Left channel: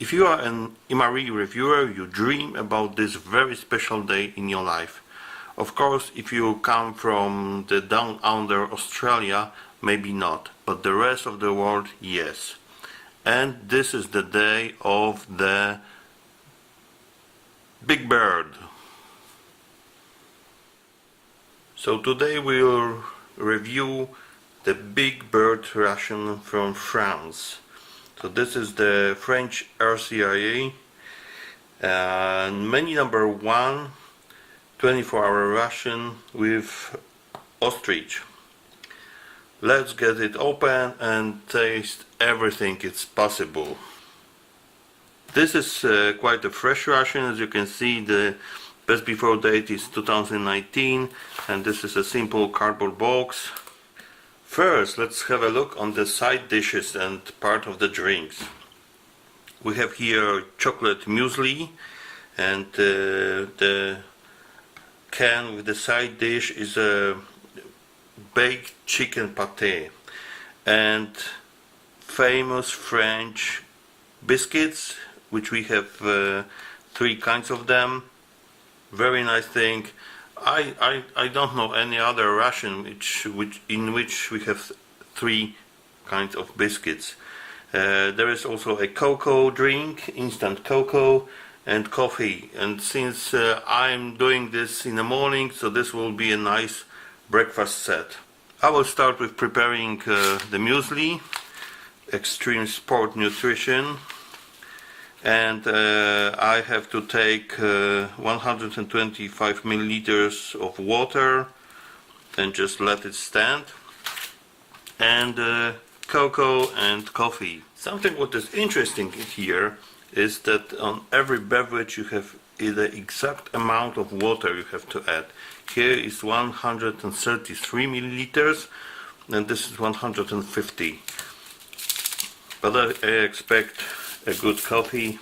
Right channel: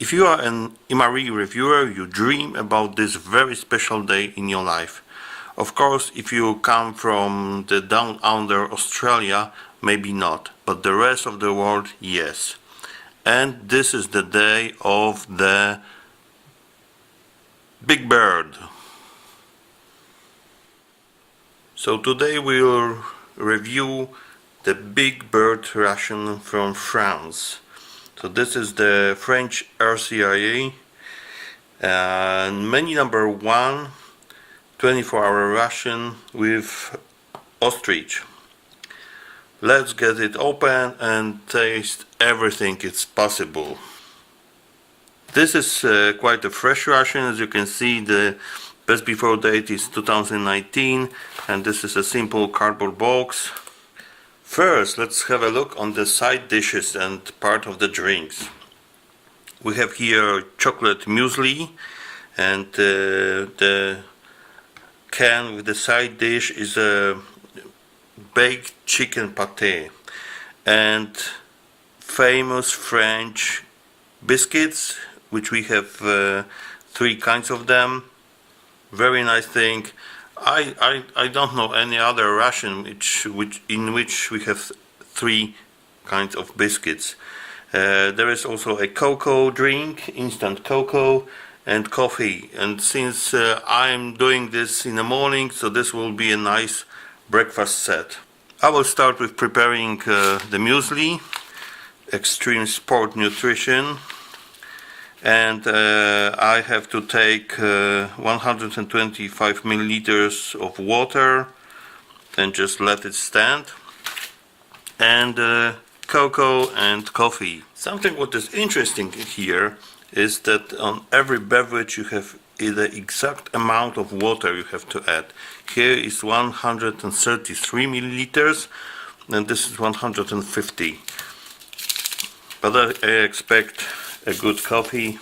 If you are an MRE reviewer, you dream about this very special day in your life. Of course, if you come from the down under Australia, maybe not, but the rest of the world, yes. And this is the day of the big bird. So today we'll review the big bird ration from France. So this is the French RCIR and menu number 1, 24-hour ration with ostrich. Let's get it open and taste everything it's possible. This is quite a fresh ration. As you can see, the best before date is 2019 and this is a simple cardboard box. First, let's have a look on the side dishes and part of the drinks. We have here chocolate muesli, and the can with the side dish is a baked chicken pate and famous French biscuits, which we have 3 kinds of them. Very nice thing. I don't know any other ration in which we have 3 kinds of biscuits. There is also a cocoa drink, instant cocoa, and coffee. And since I'm doing this in the morning, so this will be a nice breakfast set. I will start with preparing the muesli, extreme sport nutrition. And I have to take 125 milliliters of water and just let it stand, and cocoa and coffee. Something what is interesting here is that on every beverage you have the exact amount of water you have to add. Here is 133 milliliters and this is 150, but I expect a good coffee,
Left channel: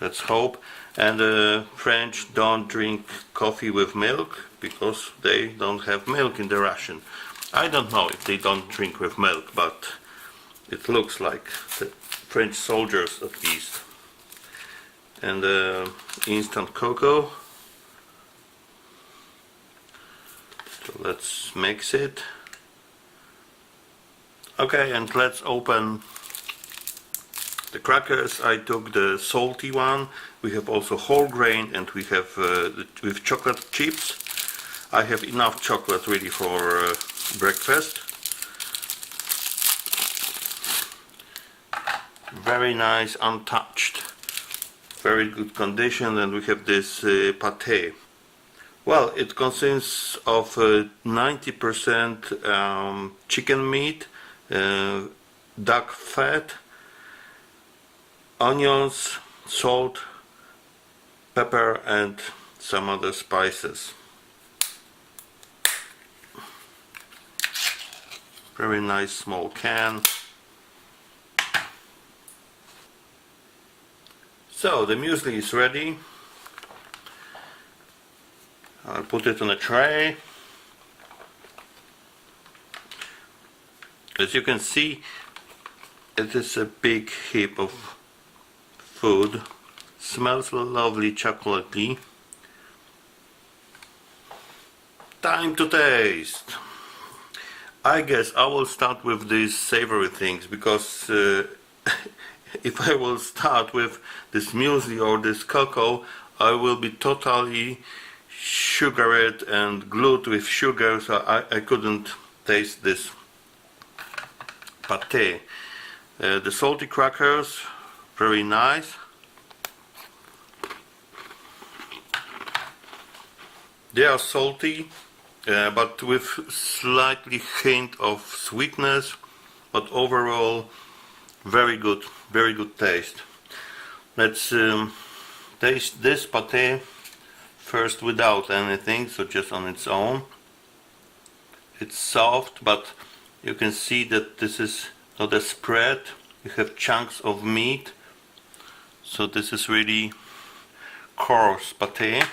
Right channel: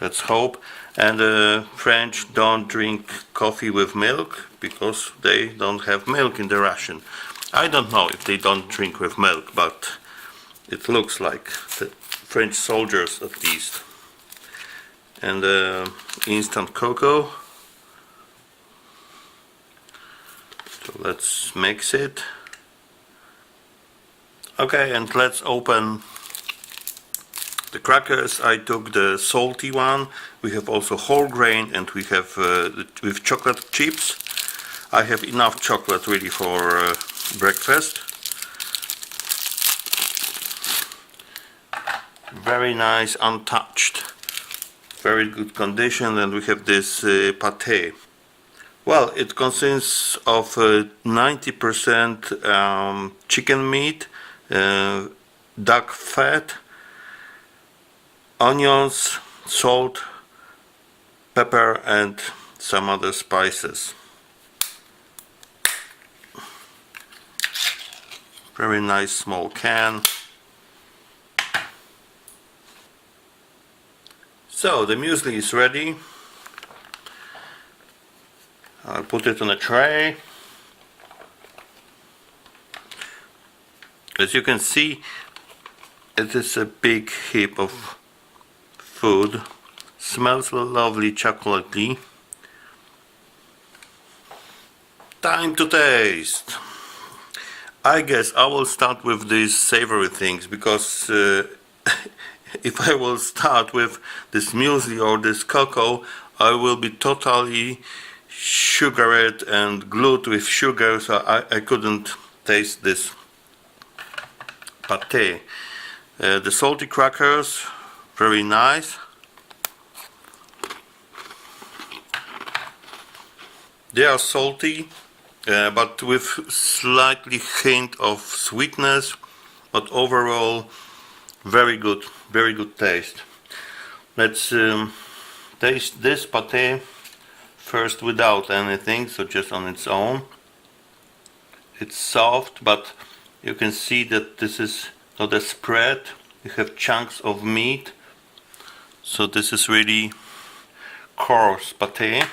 let's hope. And the French don't drink coffee with milk because they don't have milk in the ration. I don't know if they don't drink with milk, but it looks like the French soldiers at least. And instant cocoa. So let's mix it. Okay, and let's open the crackers. I took the salty one. We have also whole grain, and we have with chocolate chips. I have enough chocolate really for breakfast. Very nice, untouched, very good condition. And we have this pate. Well, it consists of 90% chicken meat, duck fat, onions, salt, pepper, and some other spices. Very nice small can. So the muesli is ready. I'll put it on a tray. As you can see, it is a big heap of food. Smells lovely, chocolatey. Time to taste. I guess I will start with these savory things because if I will start with this muesli or this cocoa, I will be totally sugared and glued with sugar, so I couldn't taste this pate. The salty crackers, very nice. They are salty, but with slightly hint of sweetness, but overall very good taste. Let's taste this pate first without anything, so just on its own. It's soft, but you can see that this is not a spread. You have chunks of meat, so this is really coarse pate.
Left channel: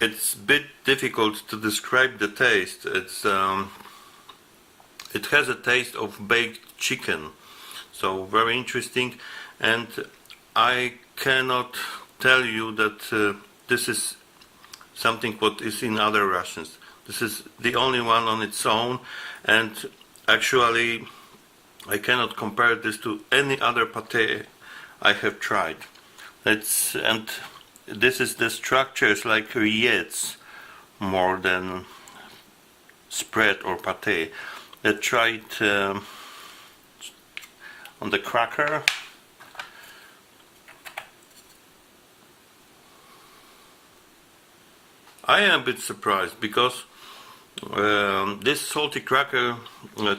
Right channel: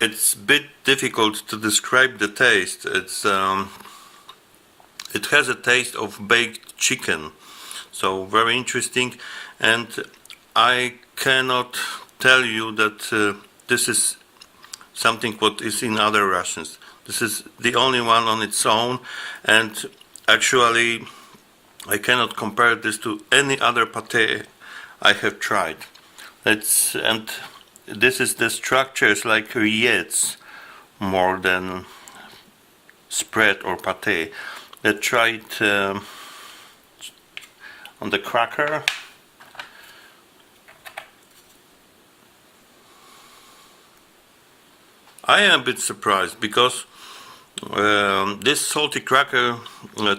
It's a bit difficult to describe the taste. It has a taste of baked chicken, so very interesting. and I cannot tell you that this is something what is in other rations. This is the only one on its own, and actually I cannot compare this to any other pate I have tried. And this is the structure is like rillettes more than spread or pate. Let's try it on the cracker. I am a bit surprised because this salty cracker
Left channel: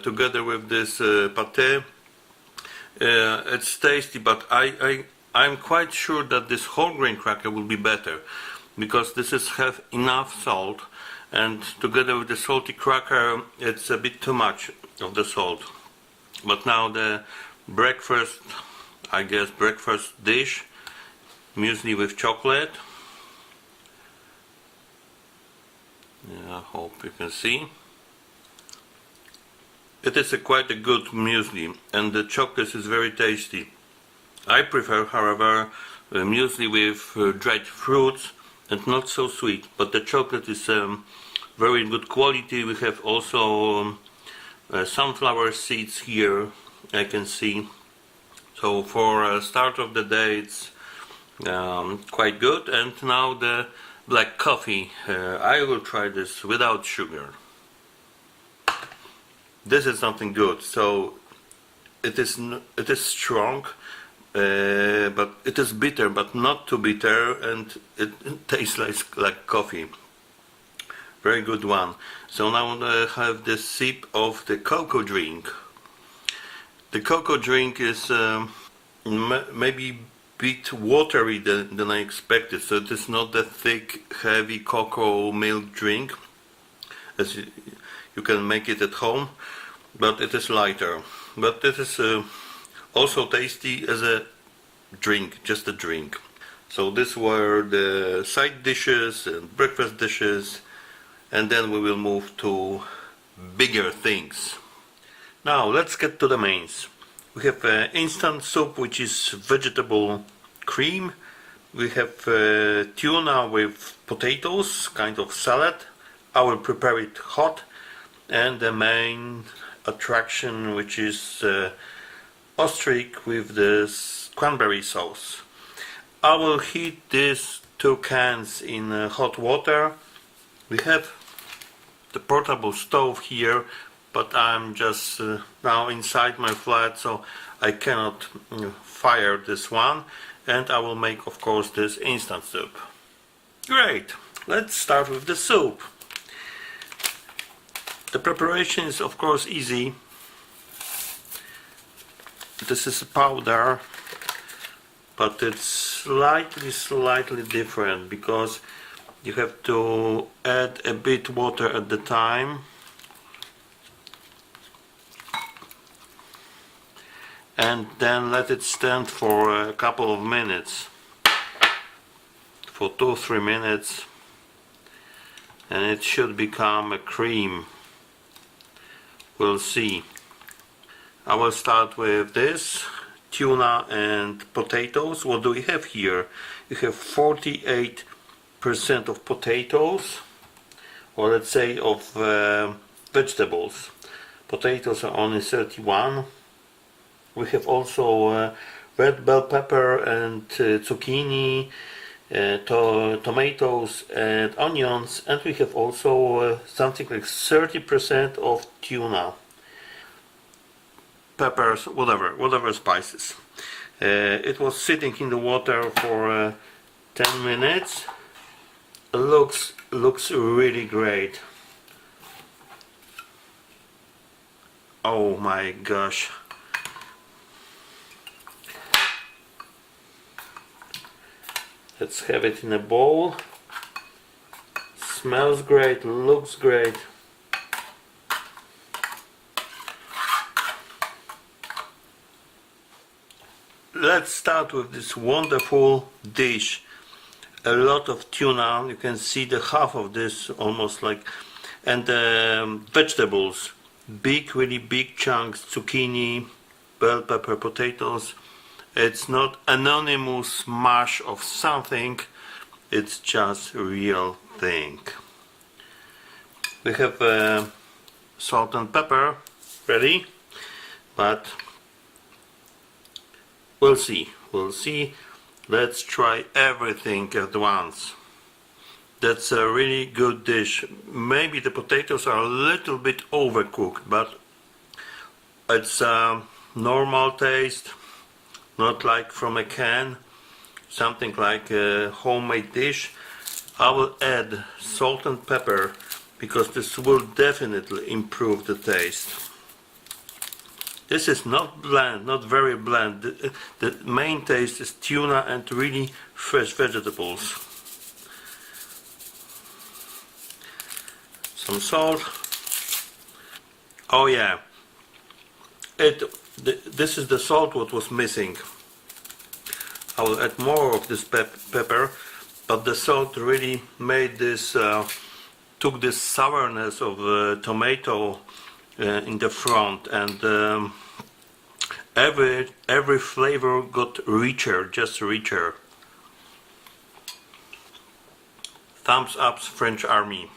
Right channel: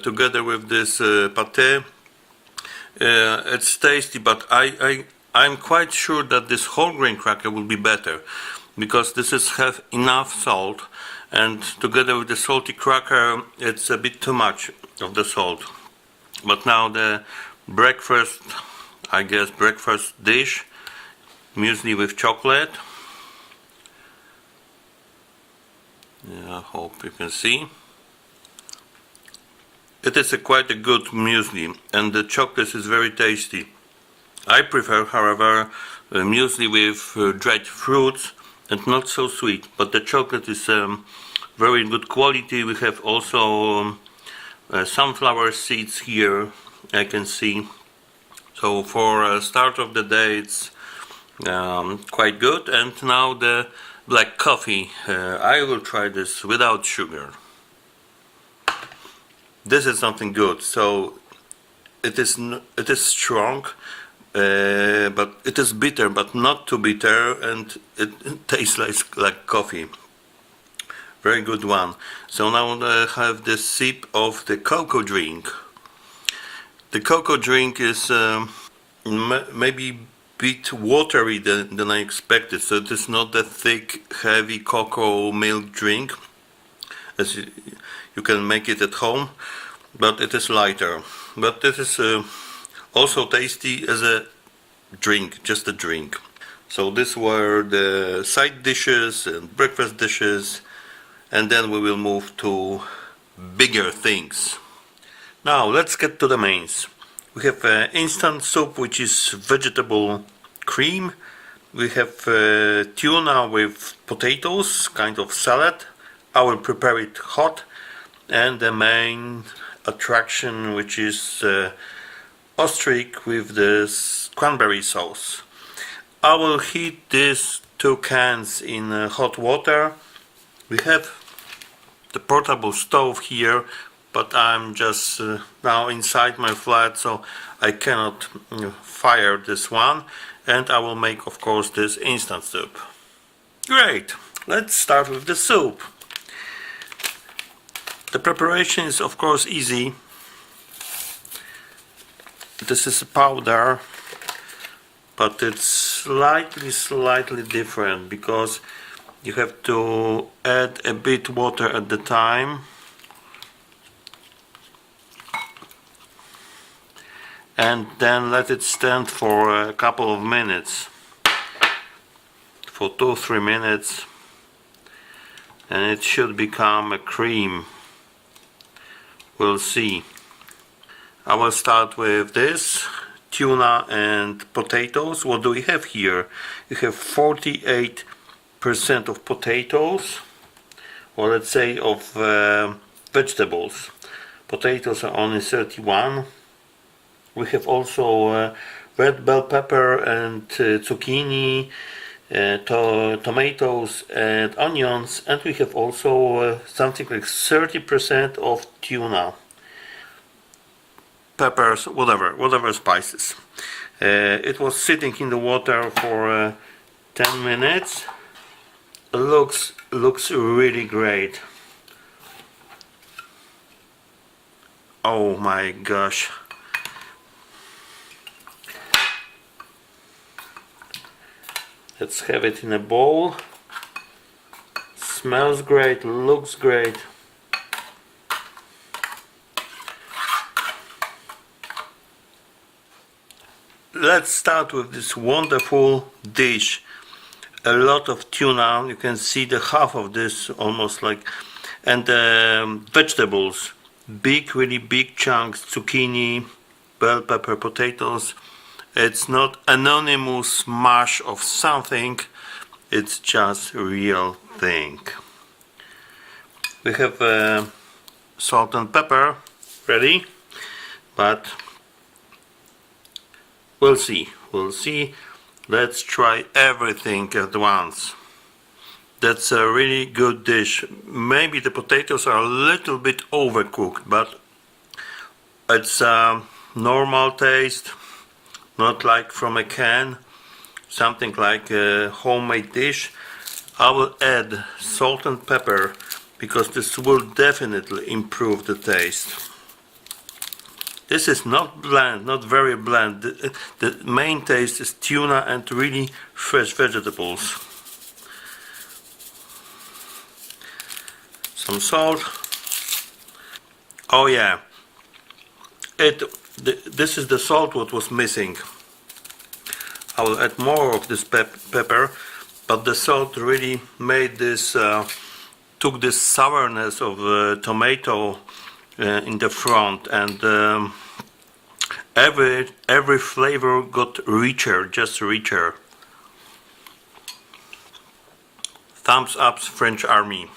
together with this pate, it's tasty, but I'm quite sure that this whole grain cracker will be better because this is have enough salt, and together with the salty cracker it's a bit too much of the salt. But now the breakfast, I guess breakfast dish, muesli with chocolate. Yeah, I hope you can see. It is quite a good muesli, and the chocolate is very tasty. I prefer, however, muesli with dried fruits and not so sweet, but the chocolate is very good quality. We have also sunflower seeds here, I can see. So for a start of the day it's quite good. And now the black coffee. I will try this without sugar. This is something good. So it is strong, but it is bitter, but not too bitter, and it tastes like coffee. Very good one. So now I have the sip of the cocoa drink. The cocoa drink is maybe bit watery than I expected, so it is not the thick, heavy cocoa milk drink as you can make it at home, but it is lighter. But it is also tasty as a drink, just a drink. So these were the side dishes and breakfast dishes, and then we will move to bigger things. Now let's get to the mains. We have instant soup, which is vegetable cream. We have tuna with potatoes, kind of salad. I will prepare it hot. And the main attraction, which is ostrich with this cranberry sauce. I will heat these 2 cans in hot water. We have the portable stove here, but I'm just now inside my flat, so I cannot fire this one, and I will make, of course, this instant soup. Great, let's start with the soup. The preparation is, of course, easy. This is a powder, but it's slightly different because you have to add a bit water at the time. And then let it stand for a couple of minutes, for 2-3 minutes, and it should become a cream. We'll see. I will start with this tuna and potatoes. What do we have here? You have 48% of potatoes, or let's say of vegetables. Potatoes are only 31. We have also red bell pepper and zucchini, tomatoes and onions, and we have also something like 30% of tuna. Peppers, whatever spices. It was sitting in the water for 10 minutes. Looks really great. Oh my gosh. Let's have it in a bowl. Smells great, looks great. Let's start with this wonderful dish. A lot of tuna, you can see the half of this almost like, and vegetables, really big chunks, zucchini, bell pepper, potatoes, It's not anonymous mash of something, it's just real thing. We have salt and pepper ready, but we'll see. Let's try everything at once. That's a really good dish. Maybe the potatoes are a little bit overcooked, but it's a normal taste, not like from a can, something like a homemade dish. I will add salt and pepper because this will definitely improve the taste. This is not bland, not very bland. The main taste is tuna and really fresh vegetables. Some salt. Oh yeah, this is the salt what was missing. I will add more of this pepper, but the salt really made this, took this sourness of tomato in the front, and every flavor got richer, just richer. Thumbs up, French Army.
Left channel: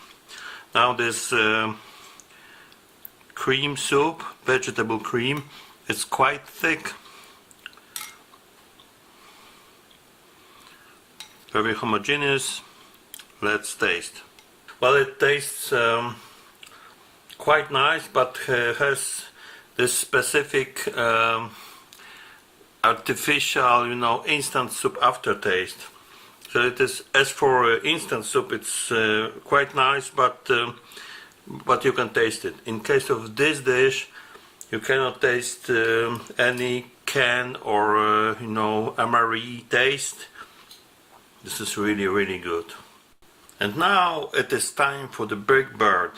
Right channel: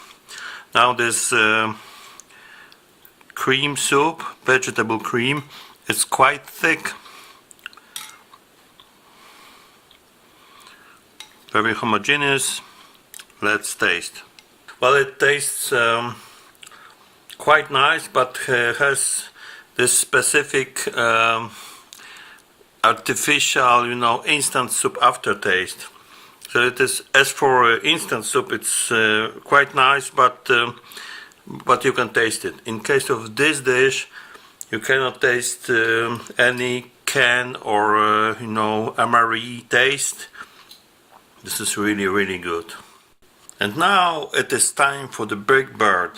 Now this cream soup, vegetable cream, it's quite thick, very homogeneous. Let's taste. Well, it tastes quite nice, but has this specific artificial, instant soup aftertaste. So it is, as for instant soup, it's quite nice, but you can taste it. In case of this dish, you cannot taste any can or amari taste. This is really, really good. And now it is time for the big bird.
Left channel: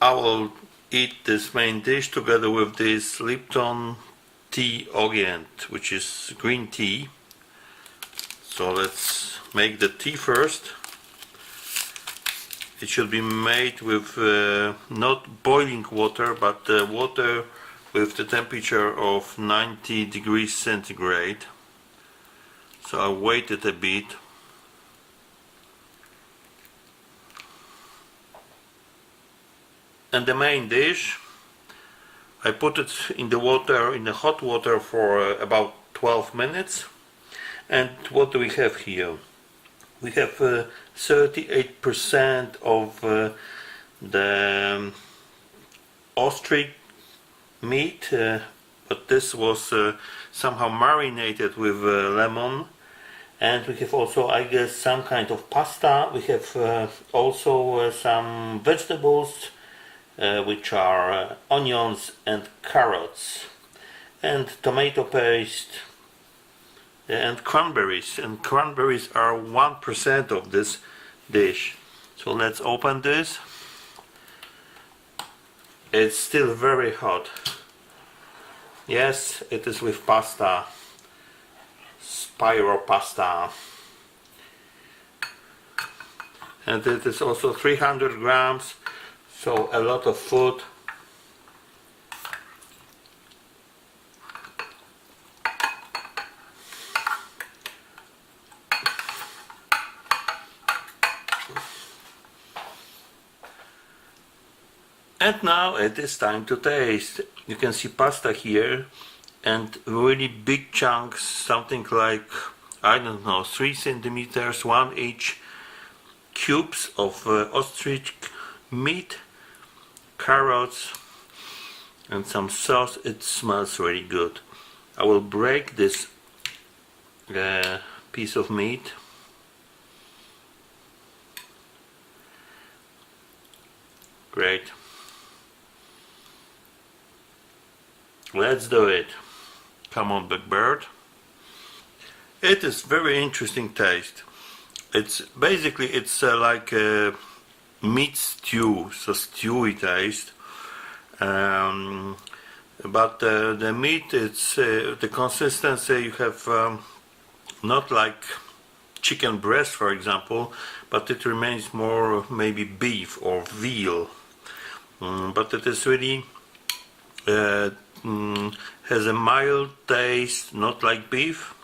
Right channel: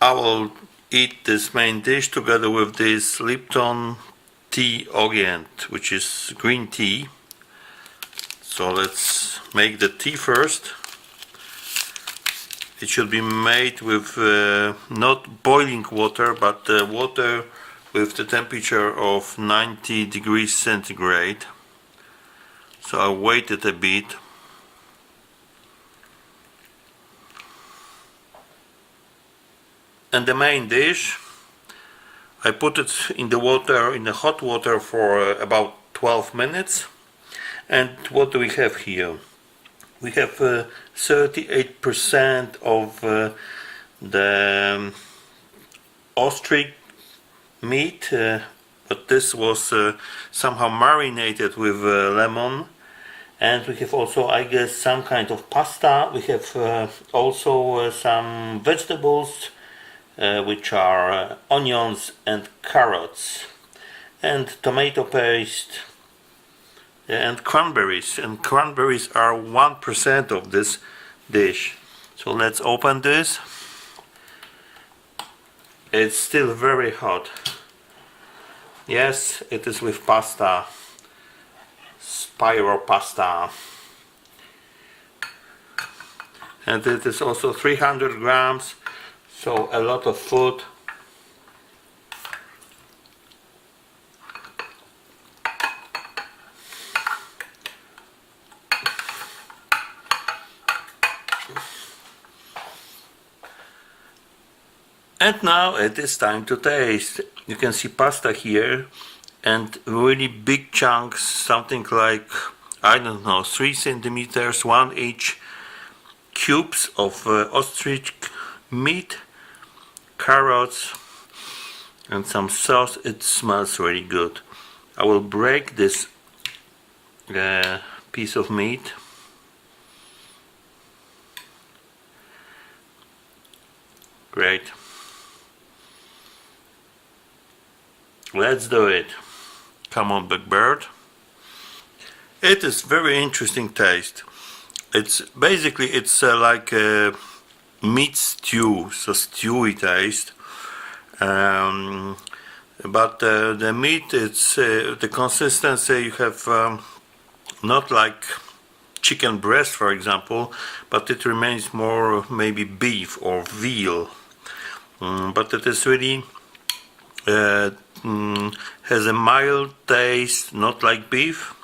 I will eat this main dish together with this Lipton tea orient, which is green tea. So let's make the tea first. It should be made with not boiling water, but water with the temperature of 90 degrees centigrade. So I waited a bit. And the main dish, I put it in the water, in the hot water for about 12 minutes. And what do we have here? We have 38% of the ostrich meat, but this was somehow marinated with lemon. And we have also, I guess, some kind of pasta. We have also some vegetables, which are onions and carrots, and tomato paste, and cranberries. And cranberries are 1% of this dish. So let's open this. It's still very hot. Yes, it is with pasta, spiral pasta, and it is also 300 grams, so a lot of food. And now it is time to taste. You can see pasta here and really big chunks, something like, I don't know, 3 centimeters, 1 each, cubes of ostrich meat, carrots, and some sauce. It smells really good. I will break this piece of meat. Great. Let's do it. Come on, big bird. It is very interesting taste. It's basically like a meat stew, so stewy taste. But the meat, it's the consistency. You have not like chicken breast, for example, but it remains more maybe beef or veal. But it is really has a mild taste, not like beef.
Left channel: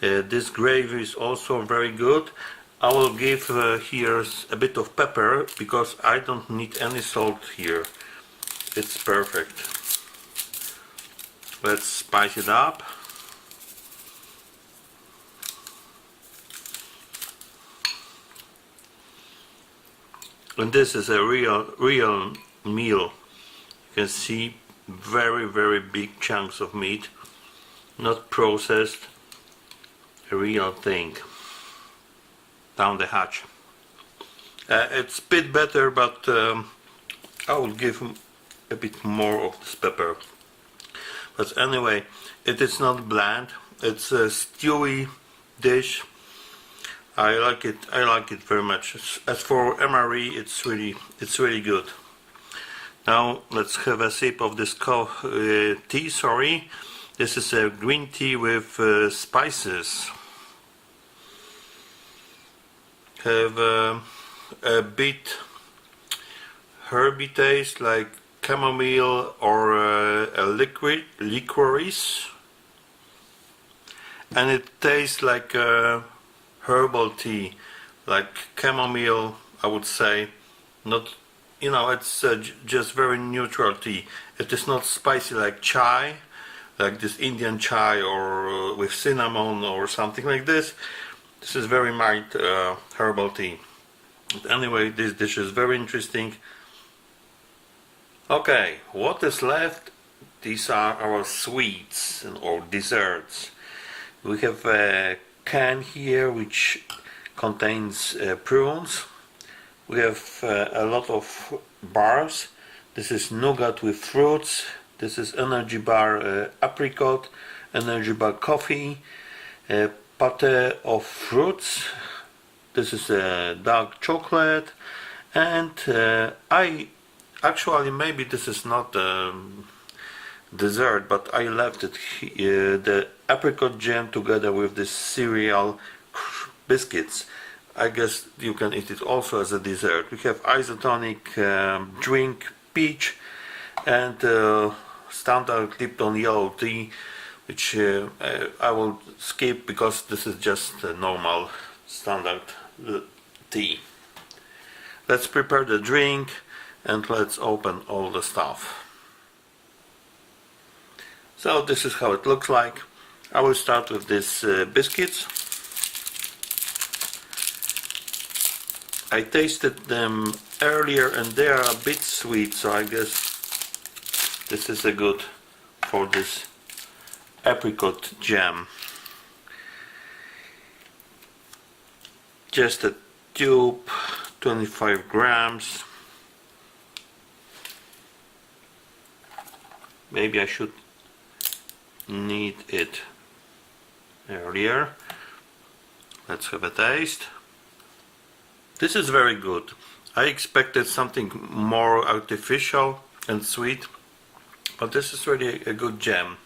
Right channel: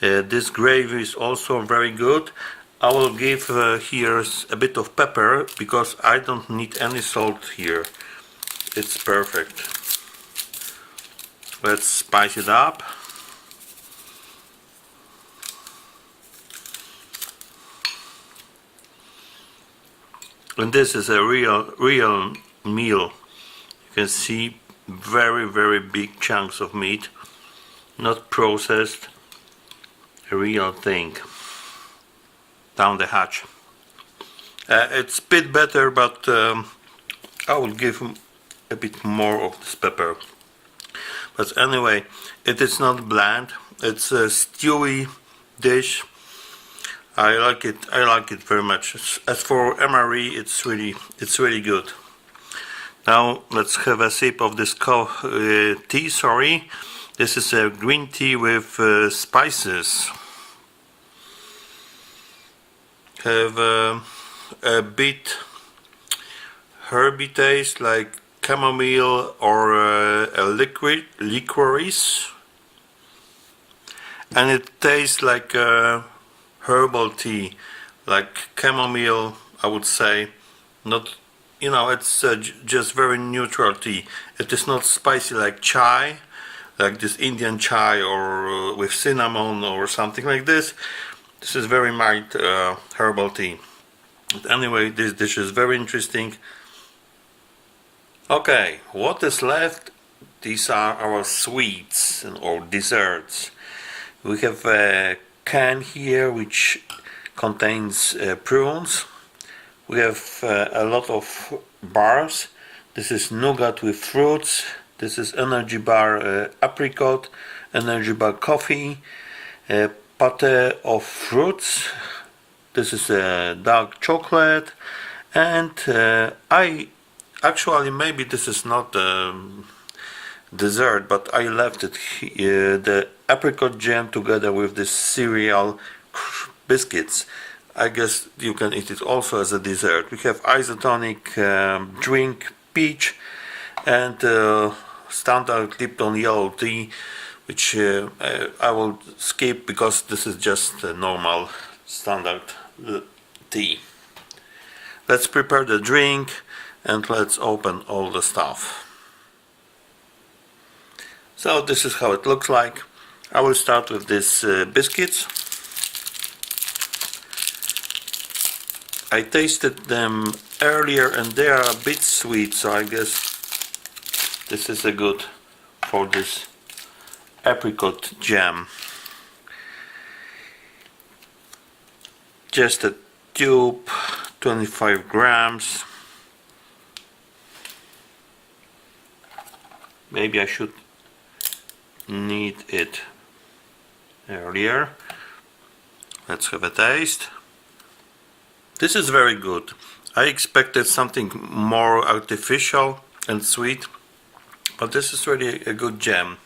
This gravy is also very good. I will give here a bit of pepper because I don't need any salt here. It's perfect. Let's spice it up. And this is a real meal. You can see very big chunks of meat, not processed, a real thing. Down the hatch. It's a bit better, but I will give a bit more of this pepper. But anyway, it is not bland. It's a stewy dish. I like it very much. As for MRE, it's really good. Now let's have a sip of this tea. Sorry, this is a green tea with spices. Have a bit herby taste, like chamomile or a licorice, and it tastes like herbal tea, like chamomile, I would say. Not, you know, it's just very neutral tea. It is not spicy like chai, like this Indian chai or with cinnamon or something like this. This is very mild herbal tea. But anyway, this dish is very interesting. Okay, what is left? These are our sweets or desserts. We have a can here which contains prunes. We have a lot of bars. This is nougat with fruits. This is energy bar apricot, energy bar coffee, pate of fruits. This is dark chocolate, and I actually, maybe this is not dessert, but I left it the apricot jam together with the cereal biscuits. I guess you can eat it also as a dessert. We have isotonic drink, peach, and standard Lipton yellow tea, which I will skip because this is just a normal standard tea. Let's prepare the drink and let's open all the stuff. So this is how it looks like. I will start with these biscuits. I tasted them earlier and they are a bit sweet, so I guess this is a good for this apricot jam. Just a tube, 25 grams. Maybe I should knead it earlier. Let's have a taste. This is very good. I expected something more artificial and sweet, but this is really a good jam.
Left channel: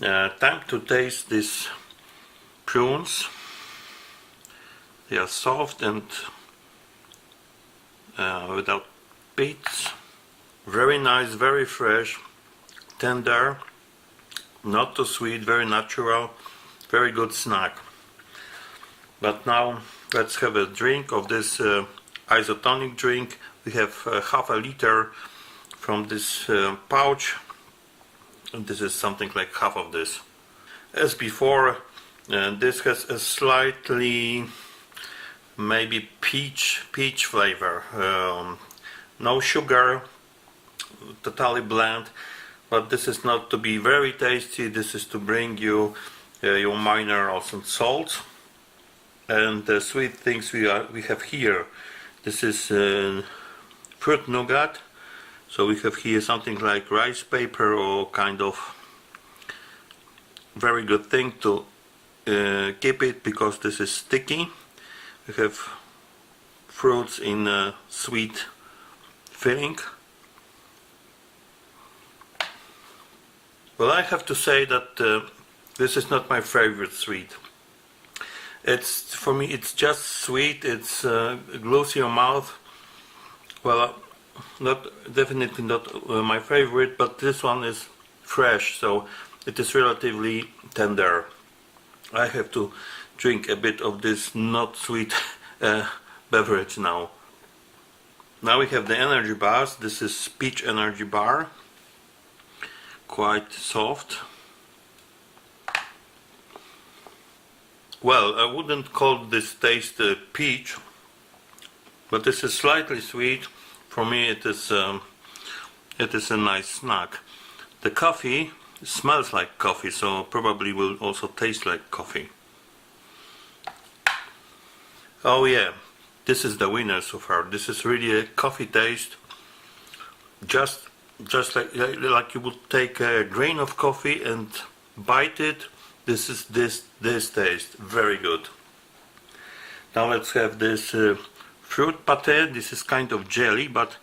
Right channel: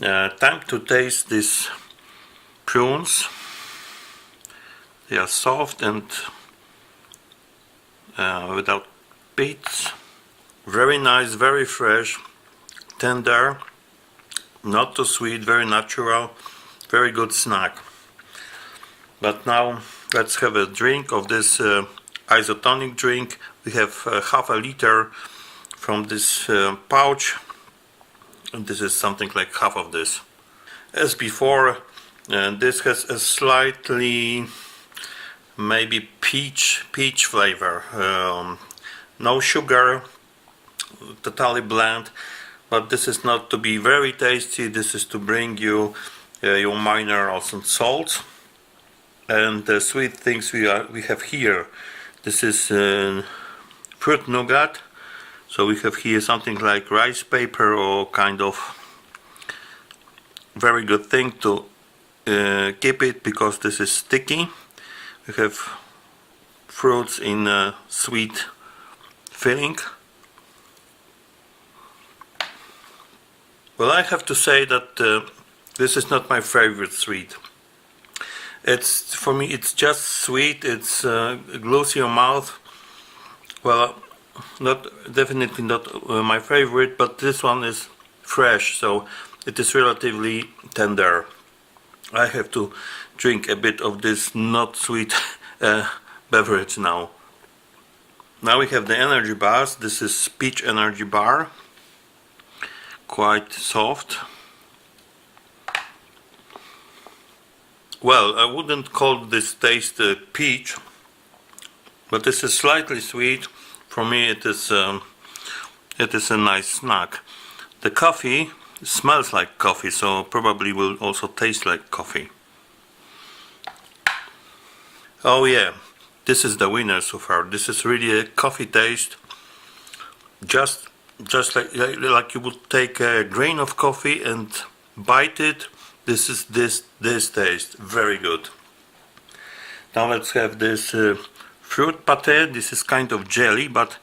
Time to taste these prunes. They are soft and without pits. Very nice, very fresh, tender, not too sweet, very natural, very good snack. But now let's have a drink of this isotonic drink. We have half a liter from this pouch, and this is something like half of this. As before, this has a slightly maybe peach flavor. No sugar, totally bland, but this is not to be very tasty. This is to bring you your minerals and salts. And the sweet things we have here, this is fruit nougat. So we have here something like rice paper or kind of very good thing to keep it, because this is sticky. We have fruits in a sweet filling. Well, I have to say that this is not my favorite sweet. It's, for me, it's just sweet. It's glues your mouth. Well, definitely not my favorite, but this one is fresh, so it is relatively tender. I have to drink a bit of this not sweet beverage now. Now we have the energy bars. This is peach energy bar, quite soft. Well, I wouldn't call this taste peach, but this is slightly sweet. For me it is a nice snack. The coffee smells like coffee, so probably will also taste like coffee. Oh yeah, this is the winner so far. This is really a coffee taste, just like you would take a grain of coffee and bite it. This is this taste, very good. Now let's have this fruit pate. This is kind of jelly, but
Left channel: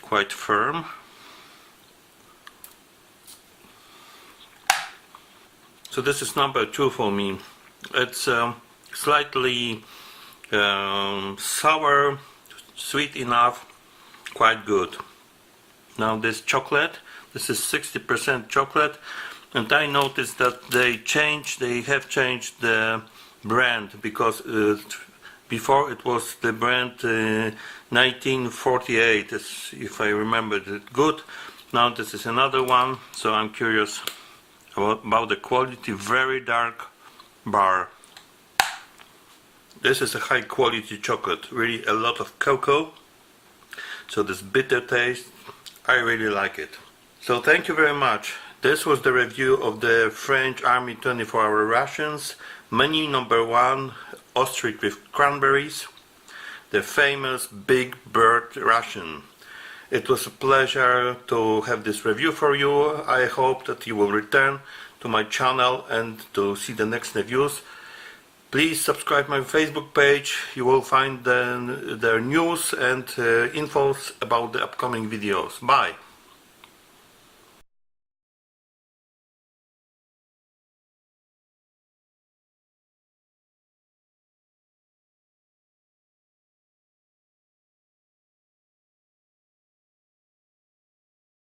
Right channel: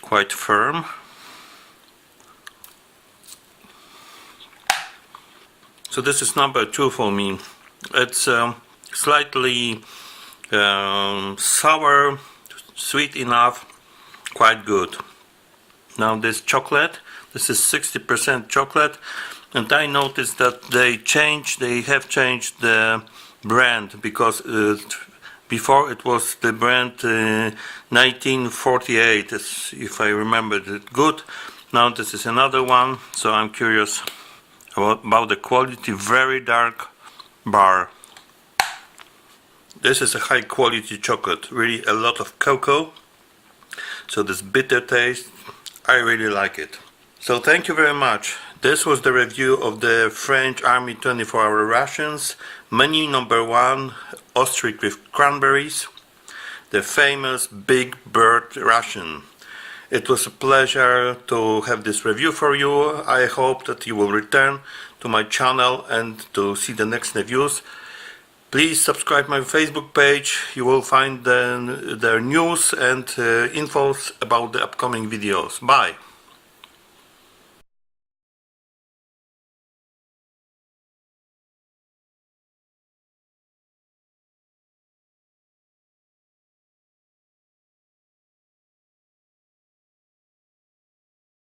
quite firm. So this is number 2 for me. It's slightly sour, sweet enough, quite good. Now this chocolate, this is 60% chocolate, and I noticed that they have changed the brand, because before it was the brand 1948, if I remember it good. Now this is another one, so I'm curious about the quality. Very dark bar. This is a high quality chocolate, really a lot of cocoa, so this bitter taste, I really like it. So thank you very much. This was the review of the French Army 24-hour rations, menu number 1, ostrich with cranberries, the famous big bird ration. It was a pleasure to have this review for you. I hope that you will return to my channel and to see the next reviews. Please subscribe my Facebook page. You will find the news and infos about the upcoming videos. Bye.